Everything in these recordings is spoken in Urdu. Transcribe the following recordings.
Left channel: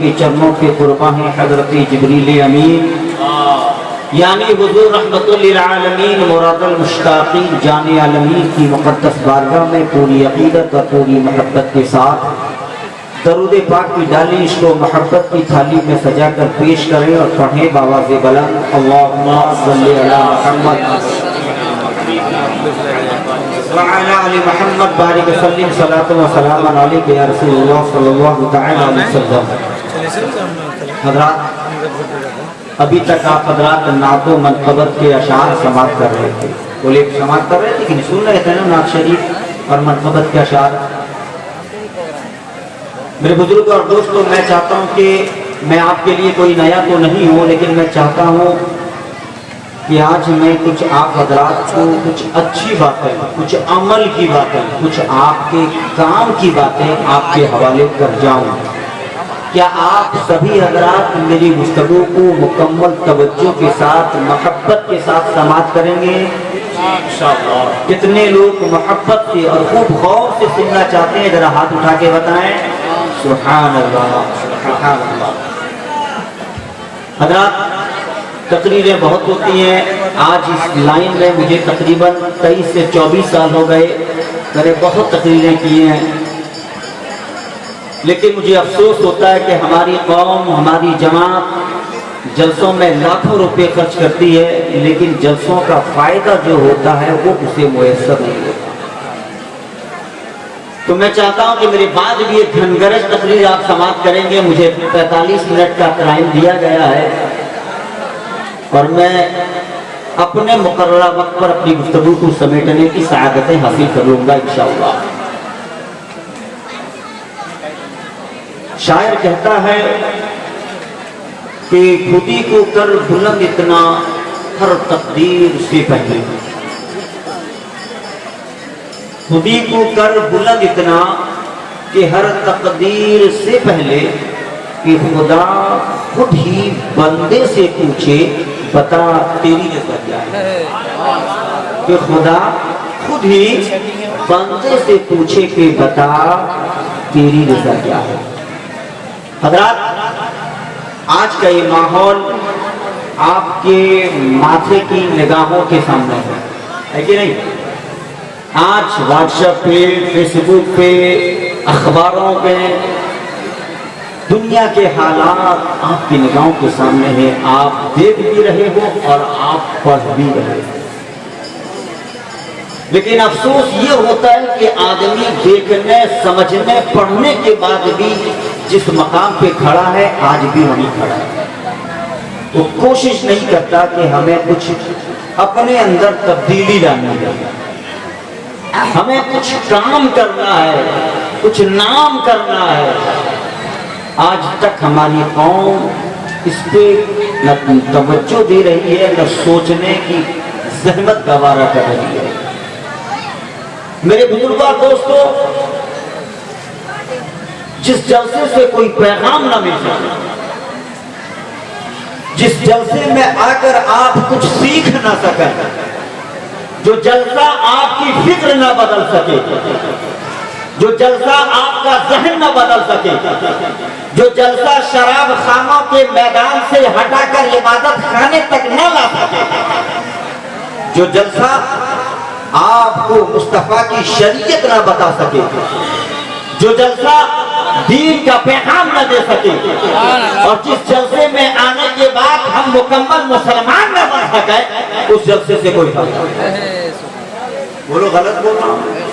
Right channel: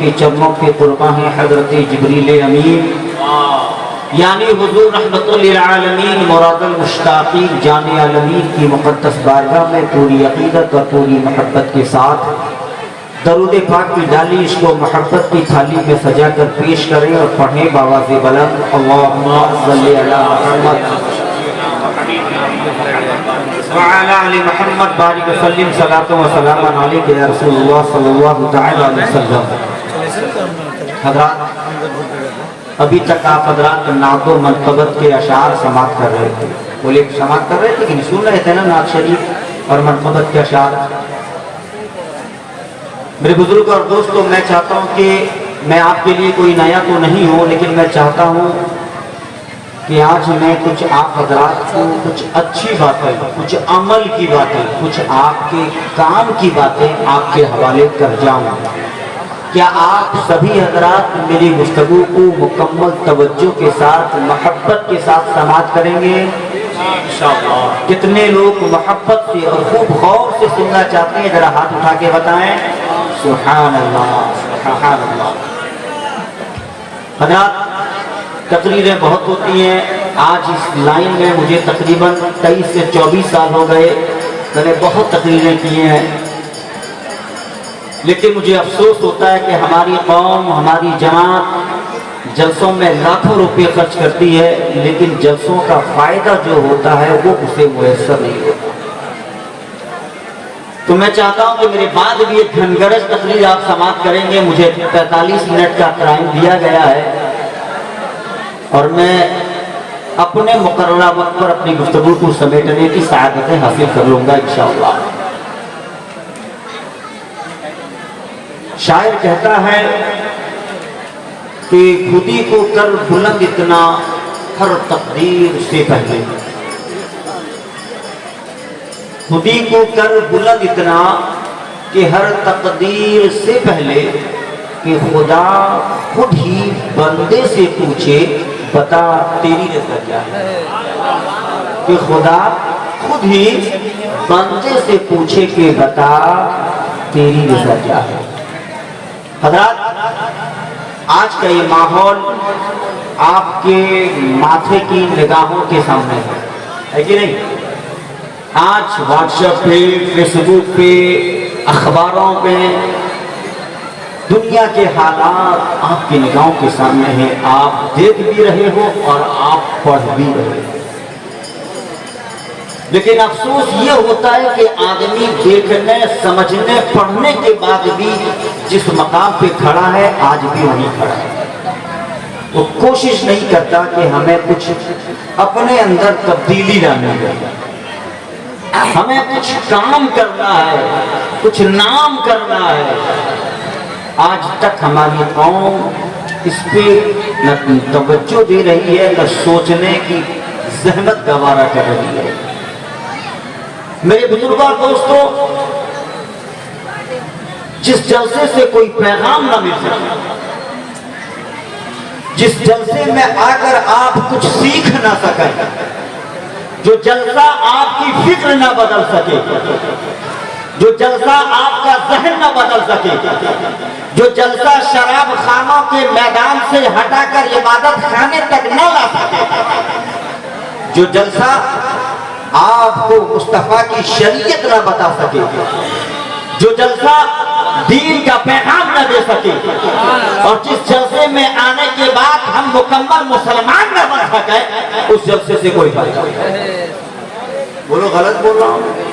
کے چرنوں کے قرباں ہیں حضرت جبریل امین یعنی حضور رحمت للعالمین مراد المشتاقین جان عالمین کی مقدس بارگاہ میں پوری عقیدت اور پوری محبت کے ساتھ درود پاک کی ڈالی عشق و محبت کی تھالی میں سجا کر پیش کریں اور پڑھیں بآواز بلند اللہم صلی علی محمد وعلی آل محمد بارک وسلم صلاۃ و سلام علیک یا رسول اللہ صلی اللہ تعالی علیہ وسلم۔ حضرات ابھی تک آپ حضرات نعت و منقبت کے اشعار سماعت کر رہے تھے، بولے سماعت کر رہے تھے کہ سن رہے تھے نا نعت شریف اور منقبت کے اشعار۔ میرے بزرگ اور دوستوں، میں چاہتا ہوں کہ میں آپ کے لیے کوئی نیا تو نہیں ہوں، لیکن میں چاہتا ہوں کہ آج میں کچھ آپ حضرات کو کچھ اچھی باتیں، کچھ عمل کی باتیں، کچھ آپ کے کام کی باتیں آپ کے حوالے کر جاؤں۔ کیا آپ سبھی حضرات میری گفتگو کو مکمل توجہ کے ساتھ محبت کے ساتھ سماعت کریں گے؟ انشاءاللہ۔ کتنے لوگ محبت سے اور خوب غور سے سننا چاہتے ہیں؟ ذرا ہاتھ اٹھا کے بتائیں۔ سبحان اللہ، سبحان اللہ۔ حضرات تقریریں بہت ہوتی ہیں، آج اس لائن میں مجھے تقریباً 23 سے 24 سال ہو گئے، میں نے بہت تقریریں کی ہیں، لیکن مجھے افسوس ہوتا ہے کہ ہماری قوم، ہماری جماعت جلسوں میں لاکھوں روپے خرچ کرتی ہے، لیکن جلسوں کا فائدہ جو ہوتا ہے وہ اسے میسر نہیں ہوتا۔ تو میں چاہتا ہوں کہ میرے بعد بھی ایک دھنگرج تقریر آپ سماعت کریں گے۔ مجھے 45 منٹ کا ٹائم دیا گیا ہے اور میں اپنے مقررہ وقت پر اپنی گفتگو کو سمیٹنے کی سعادتیں حاصل کر لوں گا انشاءاللہ۔ شاعر کہتا ہے کہ خودی کو کر بلند اتنا ہر تقدیر سے پہلے، خودی کو کر بلند اتنا کہ ہر تقدیر سے پہلے، کہ خدا خود ہی بندے سے پوچھے بتا تیری رضا کیا ہے، کہ خدا خود ہی بندے سے پوچھے کہ بتا تیری رضا کیا ہے۔ حضرات آج کا یہ ماحول آپ کے ماتھے کی نگاہوں کے سامنے ہے کہ نہیں؟ آج واٹس ایپ پہ، فیس بک پہ، اخباروں پہ دنیا کے حالات آپ کی نگاہوں کے سامنے ہیں، آپ دیکھ بھی رہے ہو اور آپ پڑھ بھی رہے ہو، لیکن افسوس یہ ہوتا ہے کہ آدمی دیکھنے، سمجھنے، پڑھنے کے بعد بھی جس مقام پہ کھڑا ہے آج بھی وہیں کھڑا ہے، وہ کوشش نہیں کرتا کہ ہمیں کچھ اپنے اندر تبدیلی لانی ہے، ہمیں کچھ کام کرنا ہے، کچھ نام کرنا ہے۔ آج تک ہماری قوم اس پہ نہ توجہ دے رہی ہے، نہ سوچنے کی زحمت گوارا کر رہی ہے۔ میرے بزرگوں دوستوں، جس جلسے سے کوئی پیغام نہ مل سکے، جس جلسے میں آ کر آپ کچھ سیکھ نہ سکیں، جو جلسہ آپ کی فکر نہ بدل سکے، جو جلسہ آپ کا ذہن نہ بدل سکے، جو جلسہ شراب خانوں کے میدان سے ہٹا کر عبادت خانے تک نہ لا سکے، جو جلسہ آپ کو مصطفیٰ کی شریعت نہ بتا سکے، جو جلسہ دین کا پیغام نہ دے سکے، اور جس جلسے میں آنے کے بعد ہم مکمل مسلمان نہ بن سکیں، اس جلسے سے کوئی فائدہ نہیں۔ بولو غلط بول رہا ہوں؟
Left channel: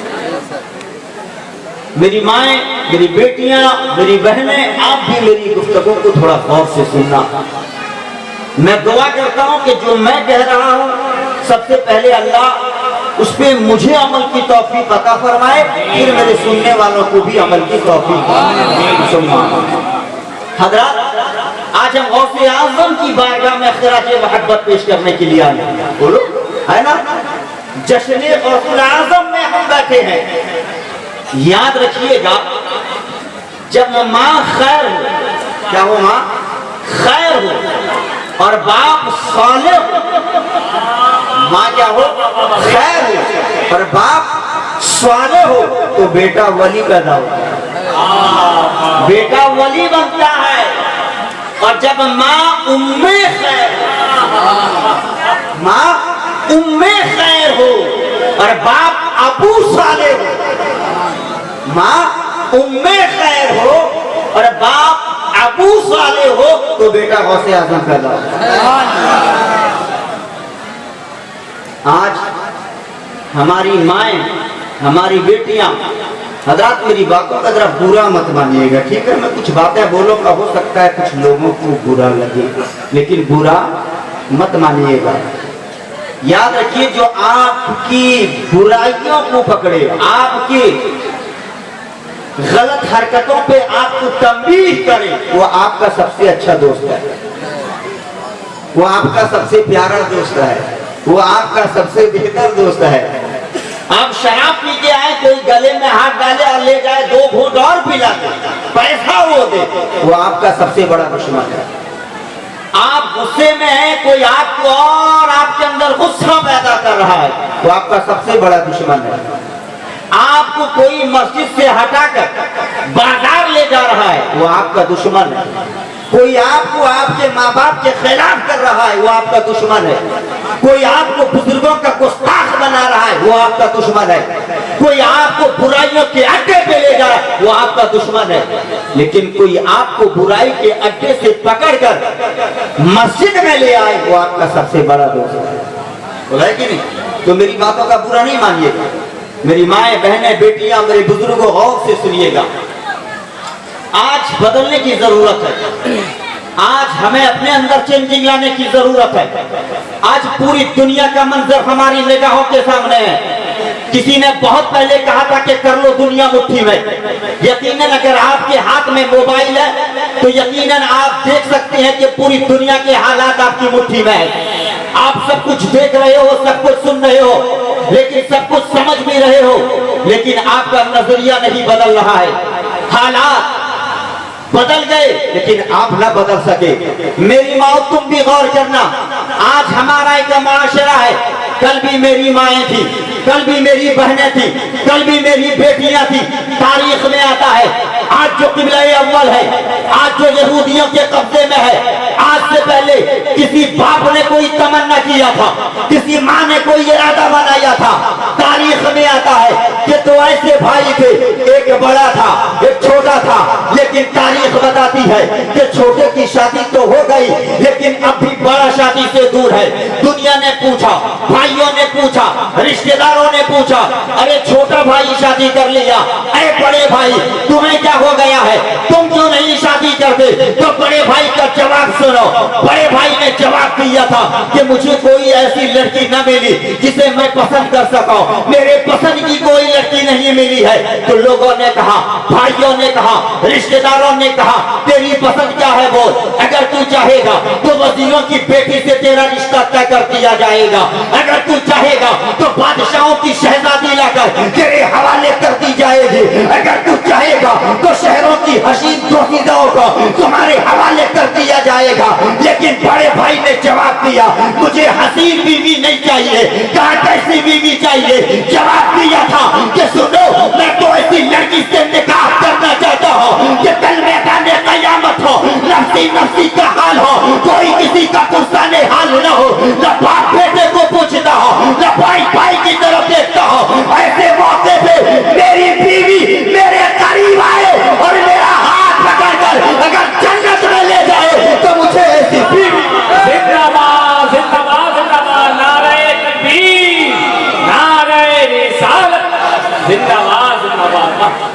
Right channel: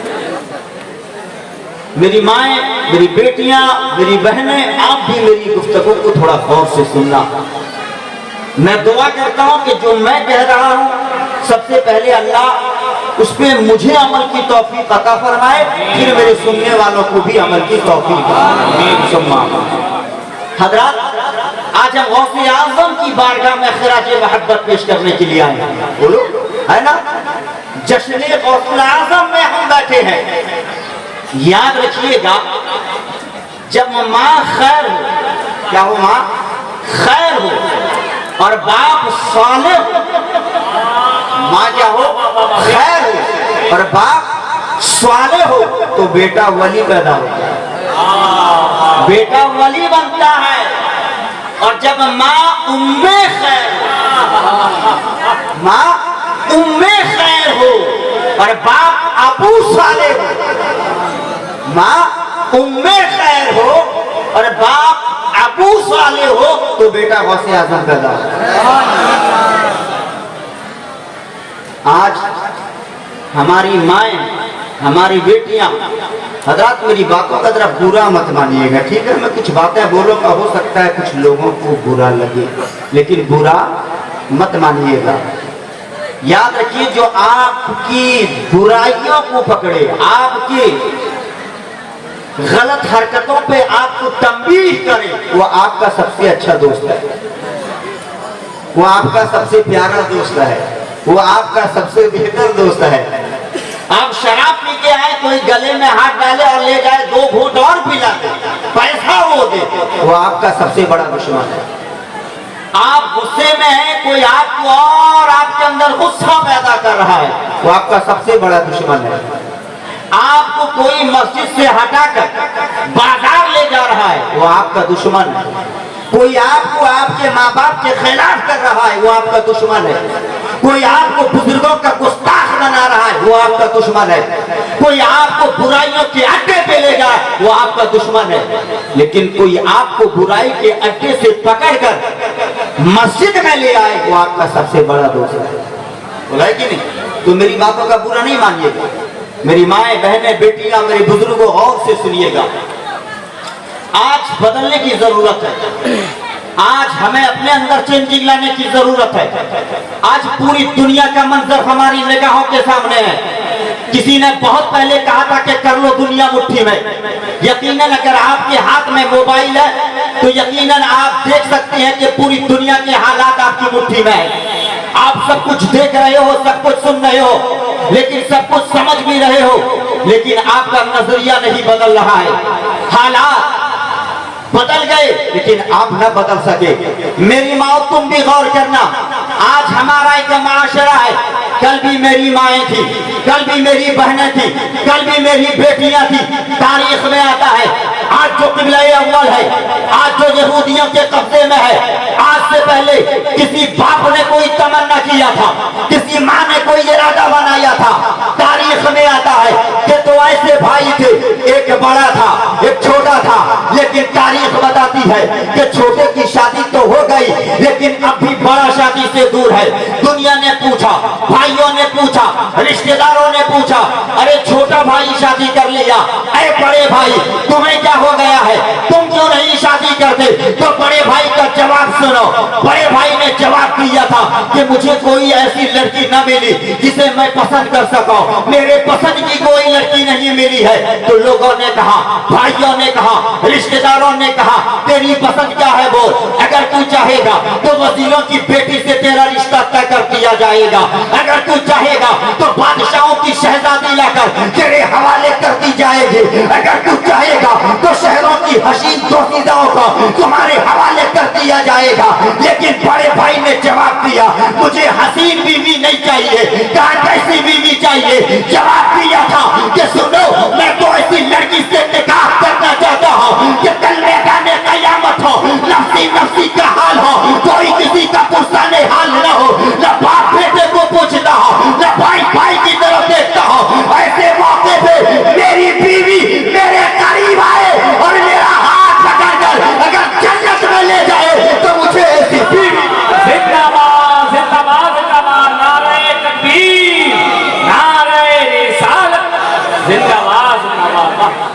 میری مائیں، میری بیٹیاں، میری بہنیں، آپ بھی میری گفتگو کو تھوڑا غور سے سننا۔ میں دعا کرتا ہوں کہ جو میں کہہ رہا ہوں سب سے پہلے اللہ اس پہ مجھے عمل کی توفیق عطا فرمائے، پھر میرے سننے والوں کو بھی عمل کی توفیق فرمائے۔ حضرات آج ہم غوث اعظم کی بارگاہ میں خراج محبت پیش کرنے کے لیے آئے ہیں، بولو ہے نا؟ جشن غوث اعظم میں ہم بیٹھے ہیں۔ یاد رکھیے گا، جب ماں خیر ہو، کیا ہو؟ ماں خیر ہو اور باپ صالح ہو، ماں کیا ہو؟ خیر ہو اور باپ صالح ہو، تو بیٹا ولی پیدا ہوتا ہے، بیٹا ولی بنتا ہے، اور جب ماں اُمّے خیر ہو اور باپ ابو صالح ہو، ماں اُمّے خیر ہو اور باپ ابو صالح ہو تو بیٹا غوث اعظم پیدا ہو۔ آج ہماری مائیں، ہماری بیٹیاں، حضرات میری باتوں کا ذرا برا مت مانیے گا، ٹھیک ہے؟ میں کچھ باتیں بولوں گا، ہو سکتا ہے کچھ لوگوں کو برا لگے، لیکن برا مت مانیے گا۔ یاد رکھیے جو آپ کی برائیوں کو پکڑے، آپ کی غلط حرکتوں پہ آپ کو تنبیہ کرے، وہ آپ کا سب سے اچھا دوست ہے، وہ آپ کا سب سے پیارا دوست ہے، وہ آپ کا سب سے بہتر دوست ہے۔ آپ شراب پی کے آئے، کوئی گلے میں ہاتھ ڈالے اور لے جائے 2 گھونٹ اور پلا دے، پیسہ وہ دے، وہ آپ کا سب سے بڑا دشمن ہے۔ آپ غصے میں ہیں، کوئی آپ کو اور آپ کے اندر غصہ پیدا کر رہا ہے، وہ آپ کا سب سے بڑا دشمن ہے۔ آپ کو کوئی مسجد سے ہٹا کر بازار لے جا رہا ہے، وہ آپ کا دشمن ہے۔ کوئی آپ کو آپ کے ماں باپ کے خلاف کر رہا ہے، وہ آپ کا دشمن ہے۔ کوئی آپ کو بزرگوں کا گستاخ بنا رہا ہے، وہ آپ کا دشمن ہے۔ کوئی آپ کو برائیوں کے اڈے پہ لے جائے، وہ آپ کا دشمن ہے۔ لیکن کوئی آپ کو برائی کے اڈے سے پکڑ کر مسجد میں لے آئے، وہ آپ کا سب سے بڑا دوست ہے۔ بولا ہے کہ نہیں؟ تو میری باتوں کا برا نہیں مانیے گا، میری مائیں، بہنیں، بیٹیاں، میرے بزرگوں، غور سے سنیے گا۔ آج بدلنے کی ضرورت ہے، آج ہمیں اپنے اندر چینجنگ لانے کی ضرورت ہے۔ آج پوری دنیا کا منظر ہماری نگاہوں کے سامنے ہے۔ کسی نے بہت پہلے کہا تھا کہ کر لو دنیا مٹھی میں۔ یقیناً اگر آپ کے ہاتھ میں موبائل ہے تو یقیناً آپ دیکھ سکتے ہیں کہ پوری دنیا کے حالات آپ کی مٹھی میں ہے۔ آپ سب کچھ دیکھ رہے ہو، سب کچھ سن رہے ہو، لیکن سب کچھ سمجھ بھی رہے ہو، لیکن آپ کا نظریہ نہیں بدل رہا ہے۔ حالات بدل گئے لیکن آپ نہ بدل سکے۔ میری ماں، تم بھی غور کرنا، آج ہمارا ایک معاشرہ ہے، کل بھی میری مائیں تھی، کل بھی میری بہنیں تھی، کل بھی میری بیٹیاں تھی۔ تاریخ میں آتا ہے آج جو قبلہ اول ہے، آج جو یہودیوں کے قبضے میں ہے، آج سے پہلے کسی باپ نے کوئی تمنا کیا تھا، کسی ماں نے کوئی ارادہ بنایا تھا۔ تاریخ میں آتا ہے کہ تو ایسے بھائی تھے، ایک بڑا تھا ایک چھوٹا تھا، لیکن تاریخ بتاتی ہے کہ چھوٹے کی شادی تو ہو گئی لیکن اب بھی بڑا شادی سے دور ہے۔ دنیا نے پوچھا، بھائیوں نے پوچھا، رشتہ داروں نے پوچھا، ارے چھوٹا بھائی شادی کر لیا، اے بڑے بھائی تمہیں کیا ہو گیا ہے، تم کیوں نہیں شادی کرتے؟ تو بڑے بھائی کا جواب سنو۔ بڑے بھائی نے جواب دیا تھا کہ مجھے کوئی ایسی لڑکی نہ ملی جسے میں پسند کر سکوں، میرے پسند کی کوئی لڑکی نہیں ملی ہے۔ تو لوگوں نے کہا، بھائیوں نے کہا، رشتہ داروں نے کہا تیری پسند کیا ہے بول، اگر تو چاہے گا تو وزیروں کی بیٹی سے تیرا رشتہ طے کر دیا جائے گا، اگر تو چاہے گا تو بادشاہوں کی شہزادی لا کر تیرے حوالے کر دی جائے گی، اگر تو چاہے گا تو شہروں کی حسین دوشیزاؤں کو تمہارے حوالے کر دیا جائے گا۔ لیکن بڑے بھائی نے جواب دیا مجھے حسین بیوی نہیں چاہیے، کہا کیسی بیوی چاہیے؟ جواب دیا تھا کہ سنو میں تو ایسی لڑکی سے نکاح کرنا چاہتا ہوں کہ کل میدان قیامت ہو، نفسی نفسی کا حال ہو، کوئی کسی کا پرسان حال نہ ہو، نہ باپ بیٹے کو پوچھتا ہو، نہ بھائی بھائی کی طرف دیکھتا ہو۔ ایسے موقع پہ میری بیوی میرے قریب آئے اور میرا ہاتھ پکڑ کر اگر جنت میں لے جائے تو مجھے ایسی بیوی۔ زندہ باد زندہ باد زندہ باد، نعرہ تکبیر، نعرہ رسالت، زندہ باد زندہ باد۔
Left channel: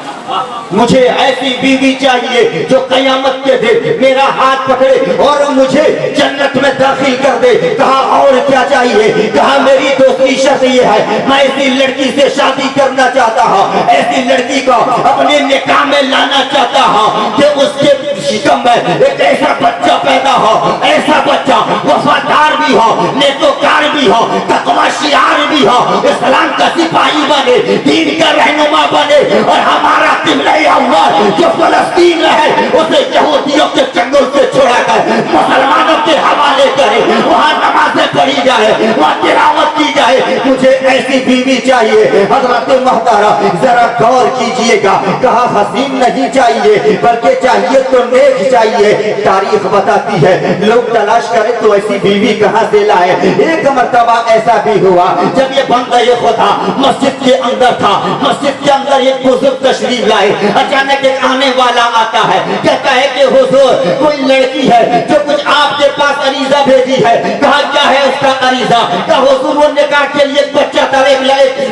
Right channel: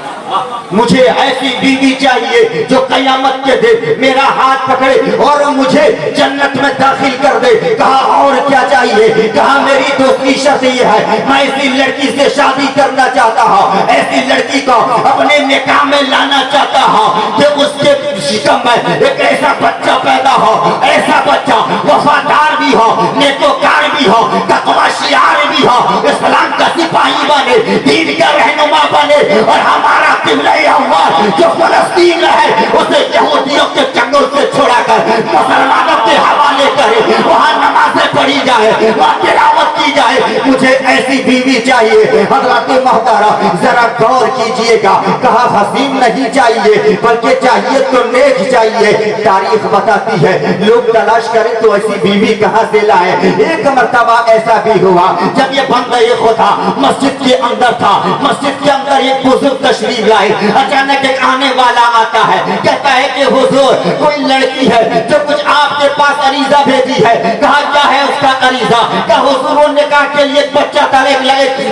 مجھے ایسی بیوی چاہیے جو قیامت کے دن میرا ہاتھ پکڑے اور مجھے جنت میں داخل کر دے۔ کہا اور کیا چاہیے؟ کہا میری دوسری شرط یہ ہے میں ایسی لڑکی سے شادی کرنا چاہتا ہوں، ایسی لڑکی کو اپنے نکاح میں لانا چاہتا ہوں کہ اس کے شکم میں ایک ایسا بچہ پیدا ہو، ایسا بچہ وفادار بھی ہو، نیکوکار بھی ہو، تقوی شعار بھی ہو، اسلام کا سپاہی بنے، دین کا رہنما بنے، اور ہمارا قبلہ اول جو فلسطین ہے اسے یہودیوں کے چنگل سے چھوڑا کر مسلمانوں کے حوالے کرے، وہاں نمازیں پڑھی جائے، وہاں تلاوت کی جائے، مجھے ایسی بیوی چاہیے۔ حضرت محترم ذرا غور کیجئے گا، کہا حسین نہیں چاہیے بلکہ چاہیے تو نیک چاہیے۔ تاریخ بتاتی ہے لوگ تلاش کریں تو ایسی بیوی کہاں سے لائے۔ ایک مرتبہ ایسا بھی ہوا جب یہ بندہ خدا مسجد کے اندر تھا، مسجد کے اندر ایک بزرگ تشریف لائے، اچانک ایک آنے والا آتا ہے، کہتا ہے کہ حضور کوئی لڑکی ہے جو کچھ آپ کے پاس عریضہ بھیجی ہے۔ کہا کیا ہے اس کا عریضہ؟ کہا حضور وہ نکاح کے لیے ایک بچہ تھا،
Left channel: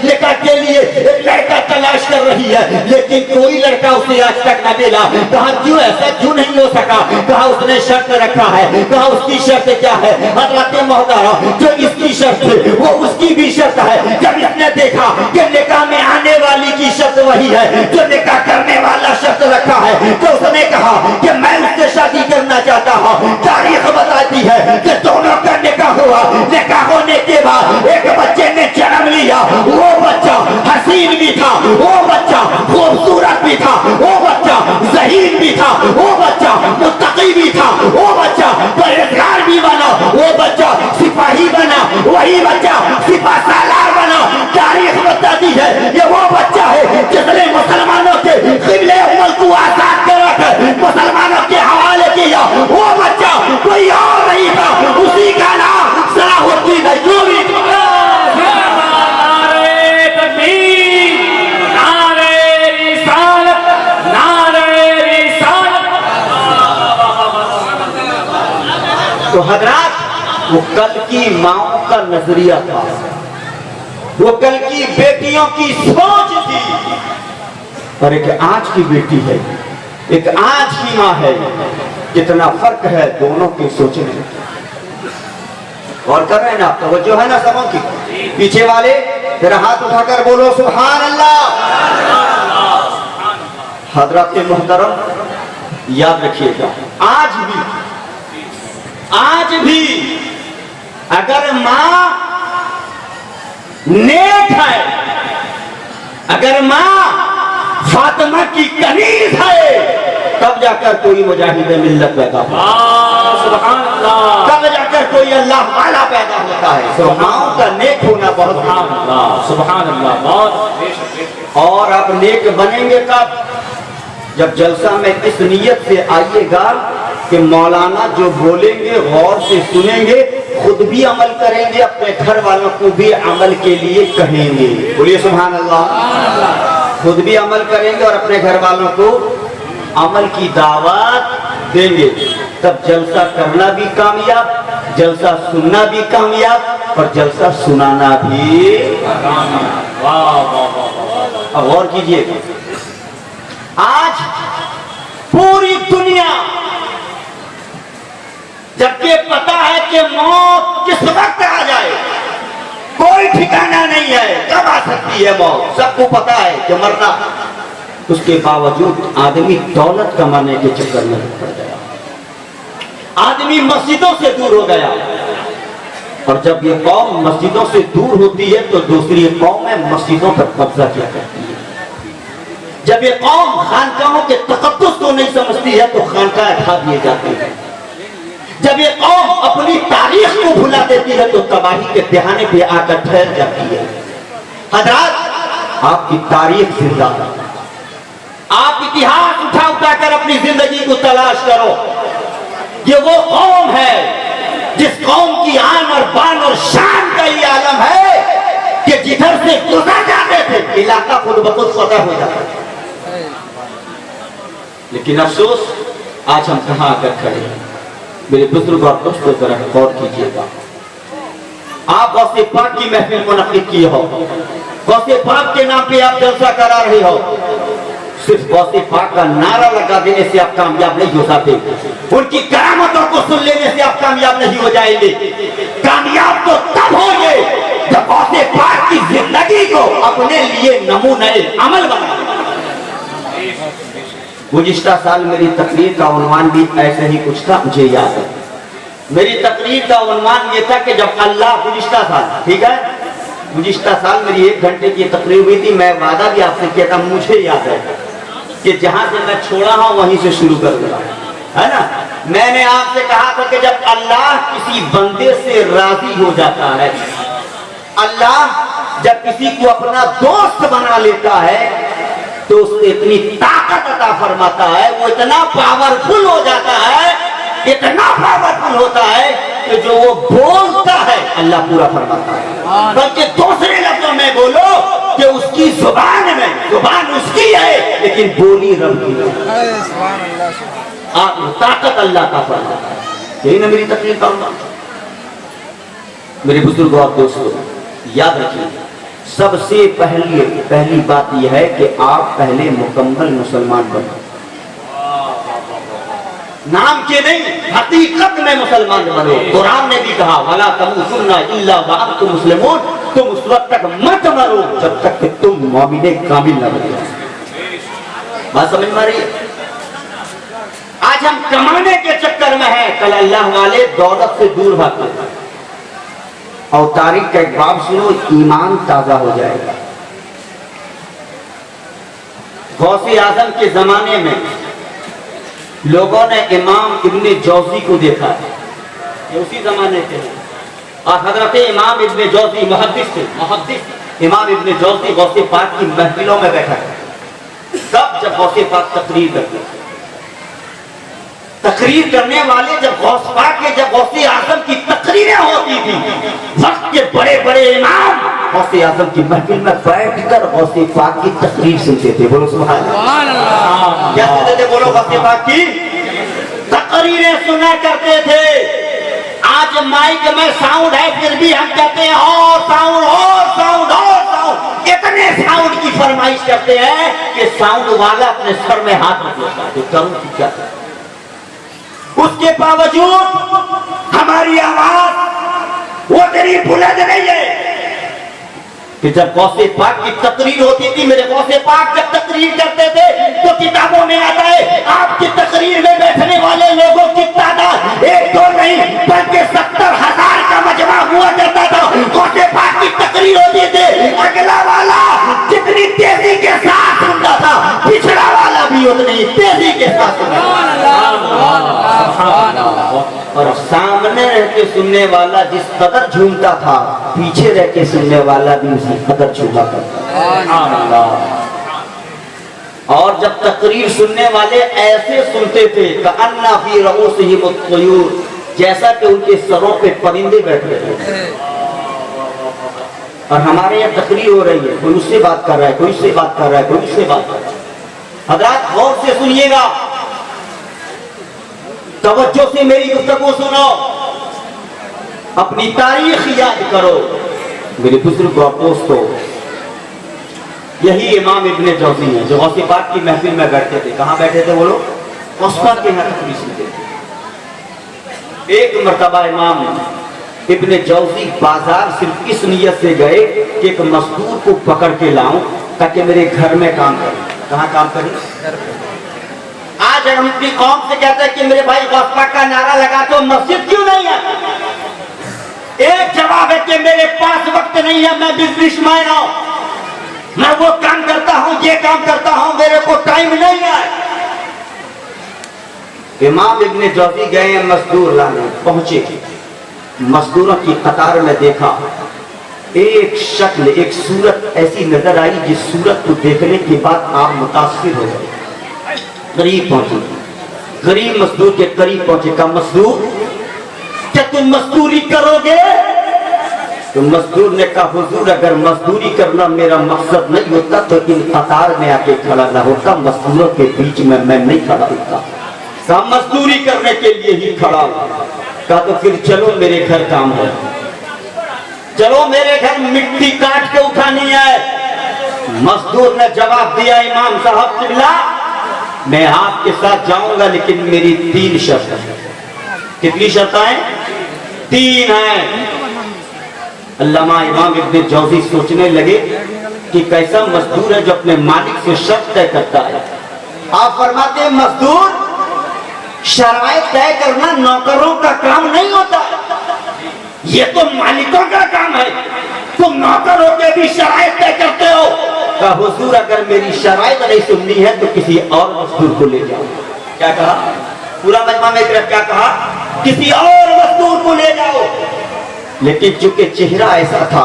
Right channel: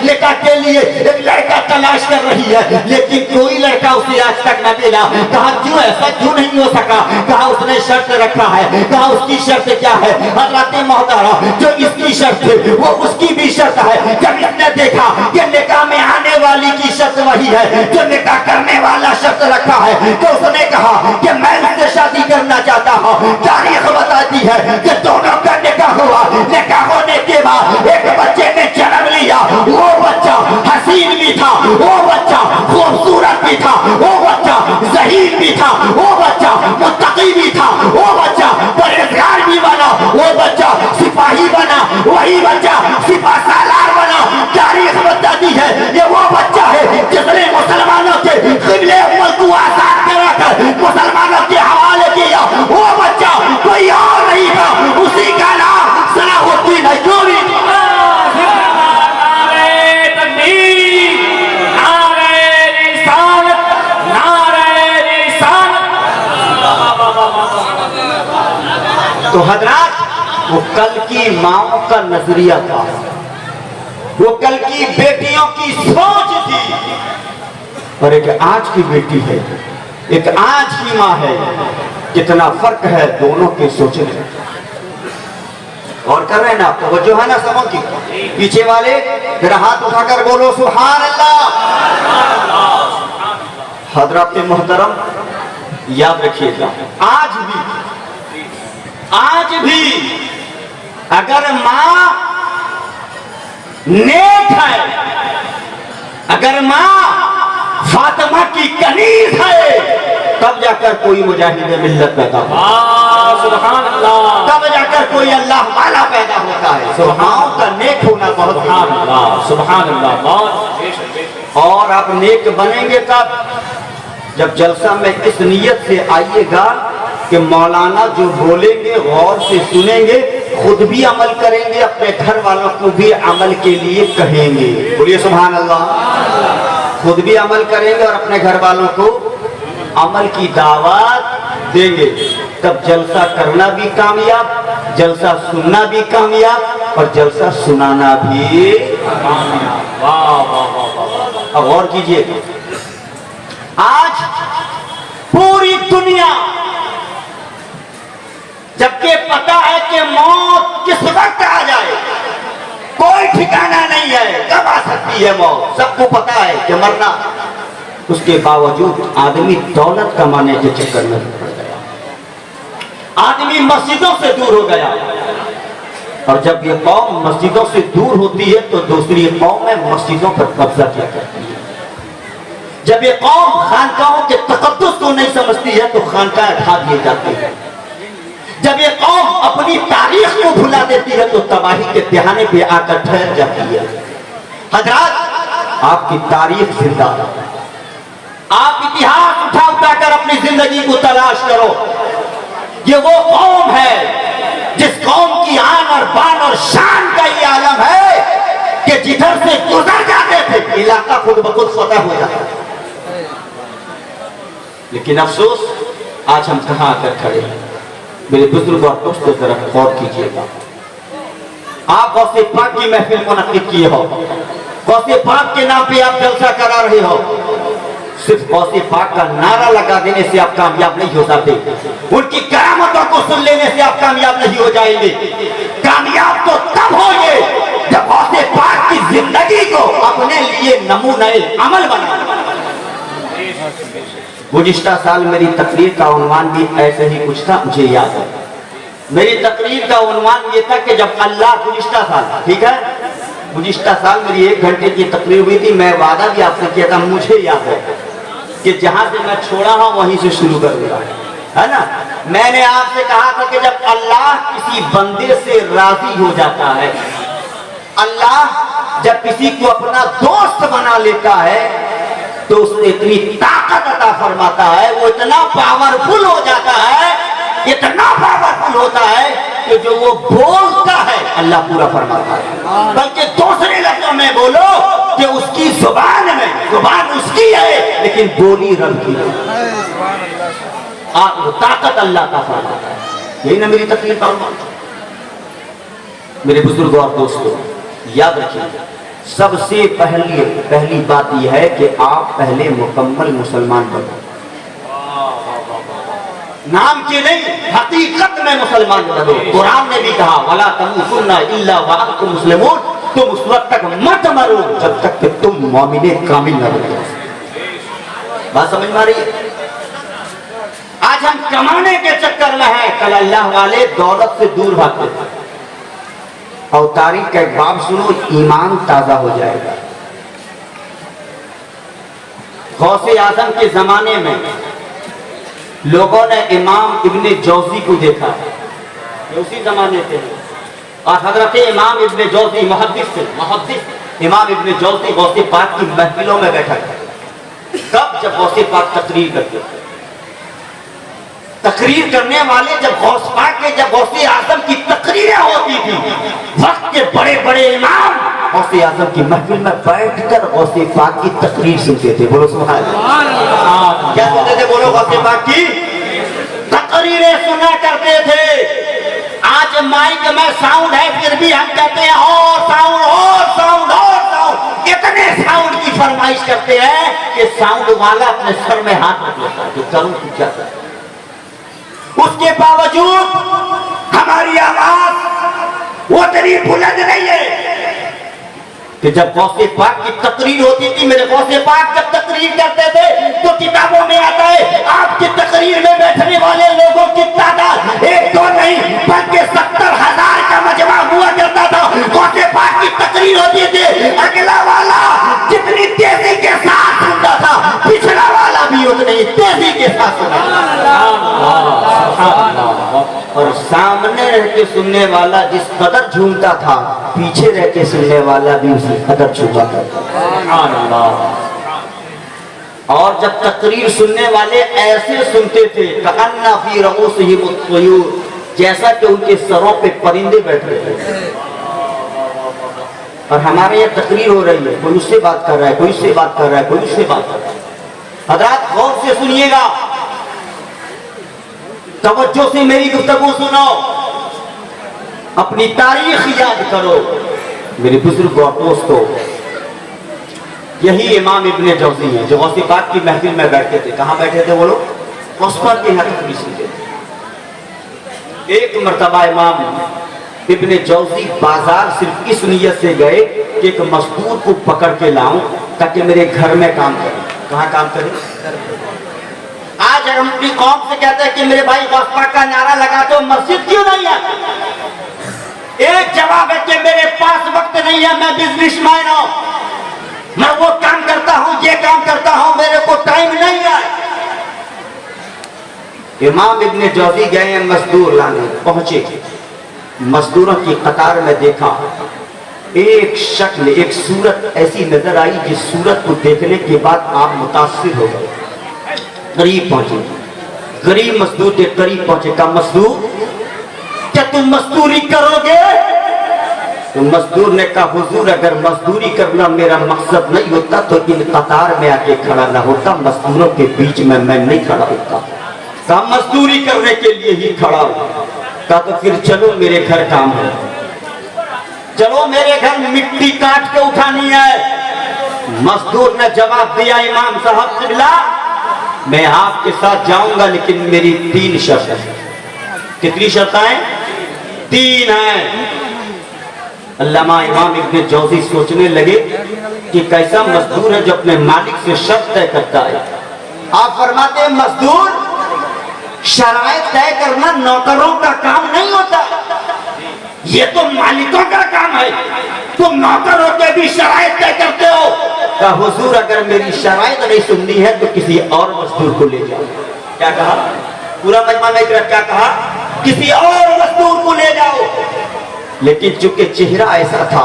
نکاح کے لیے ایک لڑکا تلاش کر رہی ہے لیکن کوئی لڑکا اسے آج تک نہ ملا۔ کہا کیوں ایسا کیوں نہیں ہو سکا؟ کہا اس نے شرط رکھا ہے۔ کہا اس کی شرط کیا ہے؟ حضرات محترم جو اس کی شرط ہے وہ اس کی بھی شرط ہے۔ جب اس نے دیکھا کہ نکاح میں آنے والی کی شرط وہی ہے جو نکاح کرنے والا شرط رکھا ہے تو اس نے کہا کہ میں اس سے شادی کرنا چاہتا ہوں۔ تاریخ بتاتی ہے کہ دونوں کا نکاح ہوا، نکاح ہونے کے بعد ایک بچے نے جنم لیا، وہ بچہ حسین بھی تھا، وہ بچہ خوبصورت بھی تھا، وہ بچہ ذہین بھی تھا، وہ بچہ متقی بھی تھا، وہ بچہ پرہیزگار بھی بنا، وہ بچہ سپاہی بنا، وہی بچہ سپاہ سالار بنا۔ تاریخ بتاتی ہے یہ وہ بچہ ہے جس نے مسلمانوں کے قبلے ملک کو آزاد کرا کر مسلمانوں کے حوالے کیا۔ وہ بچہ کوئی اور نہیں تھا، اسی کا نام صلاح الدین ایوبی تھا۔ نعرہ تکبیر، نعرہ رسالت، نعرہ رسالت۔ تو حضرات وہ کل کی ماؤں کا نظریہ تھا، وہ کل کی بیٹیوں کی سوچ تھی، اور ایک آج کی بیٹی ہے، ایک آج کی ماں ہے۔ کتنا فرق ہے دونوں کے سوچنے میں۔ اور کر رہے ہیں نا، توجہ ہے نا سبوں کی؟ پیچھے والے میرا ہاتھ اٹھا کر بولو سبحان اللہ۔ حضرات محترم یاد رکھیے گا، آج بھی اگر ماں نیک ہے، اگر ماں فاطمہ کی کنیز ہے، تب جا کر کوئی مجاہد ملت پیدا ہوتا ہے، سبحان اللہ، تب جا کر کوئی اللہ والا پیدا ہوتا ہے۔ تو ماں کا نیک ہونا بہت سبحان اللہ، سبحان اللہ، بہت۔ اور آپ نیک بنیں گے کب؟ جب جلسہ میں اس نیت سے آئیے گا کہ مولانا جو بولیں گے غور سے سنیں گے، خود بھی عمل کریں گے، اپنے گھر والوں کو بھی عمل کے لیے کہیں گے۔ بولیے سبحان اللہ۔ خود بھی عمل کریں گے اور اپنے گھر والوں کو عمل کی دعوت دیں گے، تب جلسہ کرنا بھی کامیاب، جلسہ سننا بھی کامیاب اور جلسہ سنانا بھی۔ اب غور کیجئے، آج پوری دنیا جبکہ پتا ہے کہ موت کس وقت آ جائے، کوئی ٹھکانہ نہیں ہے کب آ سکتی ہے موت، سب کو پتا ہے کہ مرنا، اس کے باوجود آدمی دولت کمانے کے چکر میں پڑ گیا، آدمی مسجدوں سے دور ہو گیا، اور جب یہ قوم مسجدوں سے دور ہوتی ہے تو دوسری قومیں مسجدوں پر قبضہ کیا کرتی ہے۔ جب یہ قوم خانقاہوں کے تقدس کو نہیں سمجھتی ہے تو خانقاہ اٹھا دیے جاتے ہیں۔ جب یہ قوم اپنی تاریخ کو بھلا دیتی ہے تو تباہی کے دہانے پہ آ کر ٹھہر جاتی ہے۔ حضرات آپ کی تاریخ زندہ ہے، آپ اتہاس اٹھا اٹھا کر اپنی زندگی کو تلاش کرو۔ یہ وہ قوم ہے جس قوم کی آن اور بان اور شان کا یہ عالم ہے کہ جدھر سے گزر جاتے تھے علاقہ خود بخود فتح ہو جاتا ہے۔ لیکن افسوس آج ہم کہاں آ کر کھڑے ہیں؟ میرے بزرگ اور دوستوں ذرا غور کیجیے گا، آپ غوث پاک کی محفل منعقد کیے ہو، غوث پاک کے نام پہ آپ جلسہ کرا رہے ہو، صرف غوث پاک کا نعرہ لگا دینے سے آپ کامیاب نہیں ہو سکتے، ان کی کرامتوں کو سن لینے سے آپ کامیاب نہیں ہو جائیں گے۔ کامیاب تو تب ہوں گے جب غوث پاک کی زندگی کو اپنے لیے نمونہ عمل بنائیں۔ گزشتہ سال میری تقریر کا عنوان بھی ایسے ہی کچھ تھا، مجھے یاد ہے۔ میری تقریر کا عنوان یہ تھا کہ جب اللہ گزشتہ سال، ٹھیک ہے، گزشتہ سال میری 1 گھنٹے کی تقریر ہوئی تھی، میں وعدہ بھی آپ سے کیا تھا، مجھے یاد ہے کہ جہاں سے میں چھوڑا ہوں وہیں سے شروع کر دیا ہے نا۔ میں نے آپ سے کہا تھا کہ جب اللہ کسی بندے سے راضی ہو جاتا ہے، اللہ جب کسی کو اپنا دوست بنا لیتا ہے تو اس نے اتنی طاقت عطا فرماتا ہے، وہ اتنا پاورفل ہو جاتا ہے، اتنا پاورفل ہوتا ہے کہ جو وہ بولتا ہے اللہ پورا فرماتا ہے۔ بلکہ دوسرے لفظوں میں بولو کہ اس کی زبان میں، زبان اس کی ہے لیکن بولی رب کی ہے، طاقت اللہ کا فرماتا ہے۔ یہی نا میری تقریر فرما۔ میرے بزرگوں اور دوستوں یاد رکھیں، سب سے پہلی بات یہ ہے کہ آپ پہلے مکمل مسلمان بنو، نام کے نہیں حقیقت میں مسلمان بنو۔ قرآن نے بھی کہا وَلَا تَمُوتُنَّ إِلَّا وَأَنْتُمْ مُسْلِمُونَ، تم اس وقت تک مت مرو جب تک کہ تم مومن کامل نہ بنو۔ بات سمجھ میں آ رہی ہے؟ آج ہم کمانے کے چکر میں ہیں، کل اللہ والے دولت سے دور بھاگتے ہیں۔ اور تاریخ کا ایک باب سنو، ایمان تازہ ہو جائے گا۔ غوث اعظم کے زمانے میں لوگوں نے امام ابن جوزی کو دیکھا، یہ اسی زمانے کے، اور حضرت امام ابن جوزی محدث تھے، محدث امام ابن جوزی غوث پاک کی محفلوں میں بیٹھا تھا۔ کب؟ جب غوث پاک تقریر کرتے تھے۔ تقریر کرنے والے جب غوث پاک کے، جب غوث اعظم کی تقریریں ہوتی تھی، وقت کے بڑے بڑے امام غوث اعظم کی محفل میں بیٹھ کر غوث پاک کی تقریر سنتے تھے۔ بولو سبحان اللہ۔ کیا سنتے تھے؟ بولو غوث پاک کی تقریریں سنا کرتے تھے۔ آج مائک میں ساؤنڈ ہے پھر بھی ہم کہتے ہیں اور ساؤنڈ، اور ساؤنڈ، اور ساؤنڈ، اتنے ساؤنڈ کی فرمائش کرتے ہیں کہ ساؤنڈ والا اپنے سر میں ہاتھ رکھ لیتا ہے کہ کروں کی کیا کروں۔ اس کے باوجود ہماری آواز وہ اتنی بلند نہیں ہے کہ جب غوث پاک کی تقریر ہوتی تھی، میرے غوث پاک جب تقریر کرتے تھے تو کتابوں میں آتا ہے آپ کی تقریر میں بیٹھنے والے لوگوں کی تعداد ایک دو نہیں بلکہ 70,000 کا مجمع ہوا کرتا تھا۔ غوث پاک کی تقریر ہوتی تھی، اگلا والا جتنی تیزی کے ساتھ سنتا تھا پچھلا والا بھی اتنی تیزی کے ساتھ سنتا تھا، اور سامنے رہ کے سننے والا جس قدر جھومتا تھا پیچھے رہ کے سننے والا بھی اسی قدر جھوما کرتا تھا۔ اور جب تقریر سننے والے ایسے سنتے تھے کأن فی رؤوسہم الطیور، جیسا کہ ان کے سروں پہ پرندے بیٹھے تھے۔ اور ہمارے یہاں تقریر ہو رہی ہے، کوئی اس سے بات کر رہا ہے، کوئی اس سے بات کر رہا ہے، کوئی اس سے بات کر رہا ہے۔ حضرات غور سے سنیے گا، توجہ سے میری گفتگو سنو، اپنی تاریخ یاد کرو۔ میرے بزرگ اور دوستو، یہی امام ابن جوزی ہیں جو غوث پاک کی محفل میں بیٹھتے تھے۔ کہاں بیٹھے تھے وہ لوگ؟ غوث پاک کے یہاں تقریر سنتے تھے۔ ایک مرتبہ امام ابن جوزی بازار صرف اس نیت سے گئے کہ ایک مزدور کو پکڑ کے لاؤں تاکہ میرے گھر میں کام کریں۔ کہاں کام کریں؟ آج ہم اپنی قوم سے کہتے ہیں کہ میرے بھائی غوث پاک کا نعرہ لگاتے ہو، مسجد کیوں نہیں ہے؟ ایک جواب ہے کہ میرے پاس وقت نہیں ہے، میں بزنس مین ہوں، میں وہ کام کرتا ہوں، یہ کام کرتا ہوں، میرے کو ٹائم نہیں ہے۔ امام ابن جوزی گئے ہیں مزدور لانے، پہنچے، مزدوروں کی قطار میں دیکھا، ایک شکل، ایک صورت ایسی نظر آئی جس صورت کو دیکھنے کے بعد آپ متاثر ہو گئے۔ قریب پہنچے، غریب مزدور کے قریب پہنچے، کہا مزدور کیا تم مزدوری کرو گے؟ تو مزدور نے کہا حضور اگر مزدوری کرنا میرا مقصد نہیں ہوتا تو ان قطار میں آ کے کھڑا نہ ہوتا، مزدوروں کے بیچ میں نہیں کھڑا ہوتا۔ کہا مزدوری کرنے کے لیے ہی کھڑا ہوں۔ کہا تو پھر چلو میرے گھر کام ہو، چلو میرے گھر مٹی کاٹ کے اٹھانی ہے۔ مزدور نے جواب دیا امام صاحب قبلہ میں آپ کے ساتھ جاؤں گا لیکن میری 3 شرط ہیں۔ کتنی شرطیں؟ 3 ہیں۔ علامہ امام ابن جوزی سوچنے لگے کہ کیسا مزدور ہے جو اپنے مالک سے شرط طے کرتا ہے۔ آپ فرماتے ہیں مزدور شرائط طے کرنا نوکروں کا کام نہیں ہوتا، یہ تو مالکوں کا کام ہے، تم نوکر ہو کے بھی شرائط طے کرتے ہو۔ کہا حضور اگر میری شرائط نہیں سننی ہے تو کسی اور مزدور کو لے جاؤ۔ کیا کہا؟ پورا مجمع میں کیا کہا؟ کسی اور مزدور کو لے جاؤ۔ لیکن چونکہ چہرہ ایسا تھا